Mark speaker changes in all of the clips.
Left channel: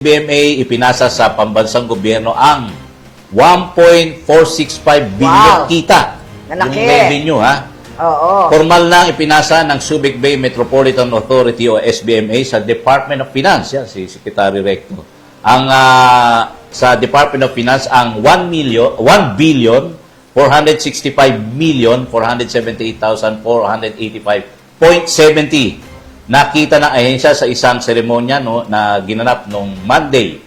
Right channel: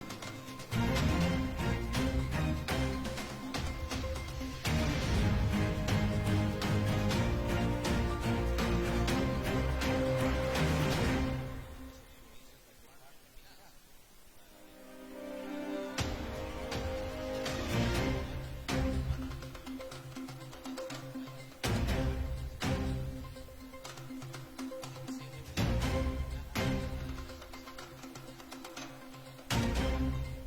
Speaker 1: BMA ipinasa sa pambansang gobyerno ang 1.465 billion
Speaker 2: Wow.
Speaker 1: kita.
Speaker 2: Malaki.
Speaker 1: Yung revenue ha.
Speaker 2: Oo.
Speaker 1: Formal na ipinasa ng Subic Bay Metropolitan Authority o SBMA sa Department of Finance. Yan, si Secretary Recto. Ang ah, sa Department of Finance ang 1 million 1 billion 465 million 478,485.70 nakita ng ahensya sa isang seremonya no, na ginanap noong Monday,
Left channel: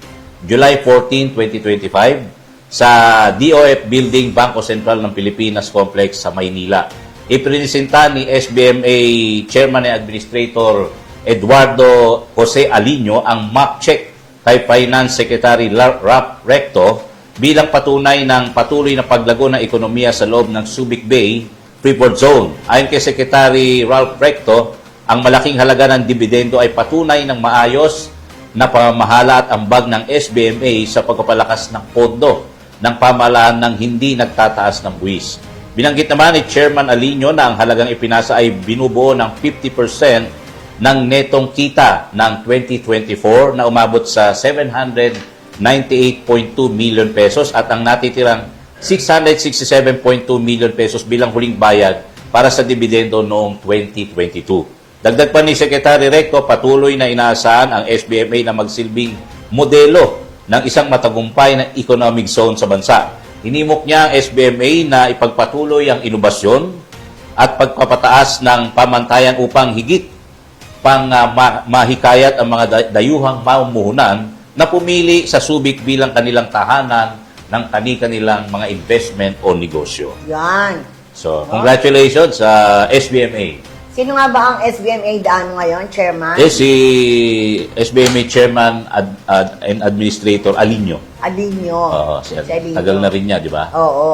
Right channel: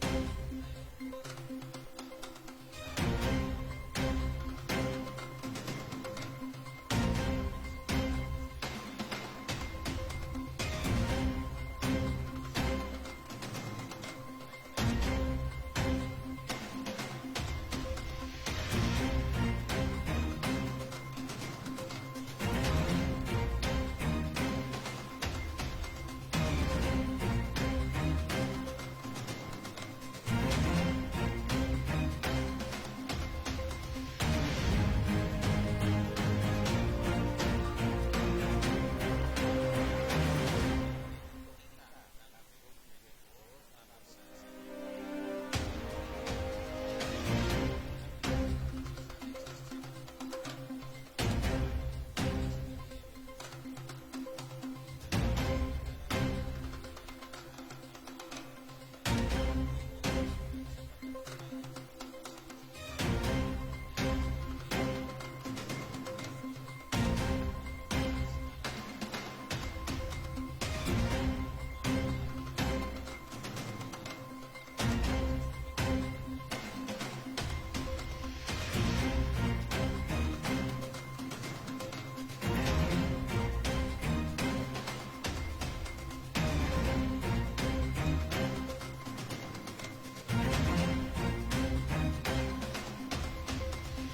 Speaker 1: July 14, 2025 sa DOF Building Bangko Sentral ng Pilipinas Complex sa Maynila. Iprinisenta ni SBMA Chairman and Administrator Eduardo Jose Alino ang mock check kay Finance Secretary Rap Recto bilang patunay ng patuloy na paglago ng ekonomiya sa loob ng Subic Bay Freeport Zone. Ayon kay Secretary Ralph Recto, ang malaking halaga ng dividendo ay patunay ng maayos na pamamahala at ambag ng SBMA sa pagpapalakas ng pondo ng pamahalaan ng hindi nagtataas ng buwis. Binanggit naman ni Chairman Alino na ang halagang ipinasa ay binubuo ng 50% ng netong kita ng 2024 na umabot sa 798.2 million pesos at ang natitirang 667.2 million pesos bilang huling bayad para sa dividendo noong 2022. Dagdag pa ni Secretary Recto, patuloy na inaasahan ang SBMA na magsilbing modelo ng isang matagumpay na economic zone sa bansa. Hinimok niya ang SBMA na ipagpatuloy ang inobasyon at pagpapataas ng pamantayan upang higit pang ah, ma- mahikayat ang mga da- dayuhang mamumuhunan na pumili sa Subic bilang kanilang tahanan ng kani-kanilang mga investment o negosyo.
Speaker 2: Yan.
Speaker 1: So, congratulations sa SBMA.
Speaker 2: Sino nga ba ang SBMA Daano ngayon, Chairman?
Speaker 1: Eh, si SBMA Chairman ad- ad- and Administrator Alinio.
Speaker 2: Alinyo.
Speaker 1: Oo.
Speaker 2: Si Alinyo.
Speaker 1: Tagal na rin niya, di ba?
Speaker 2: Oo.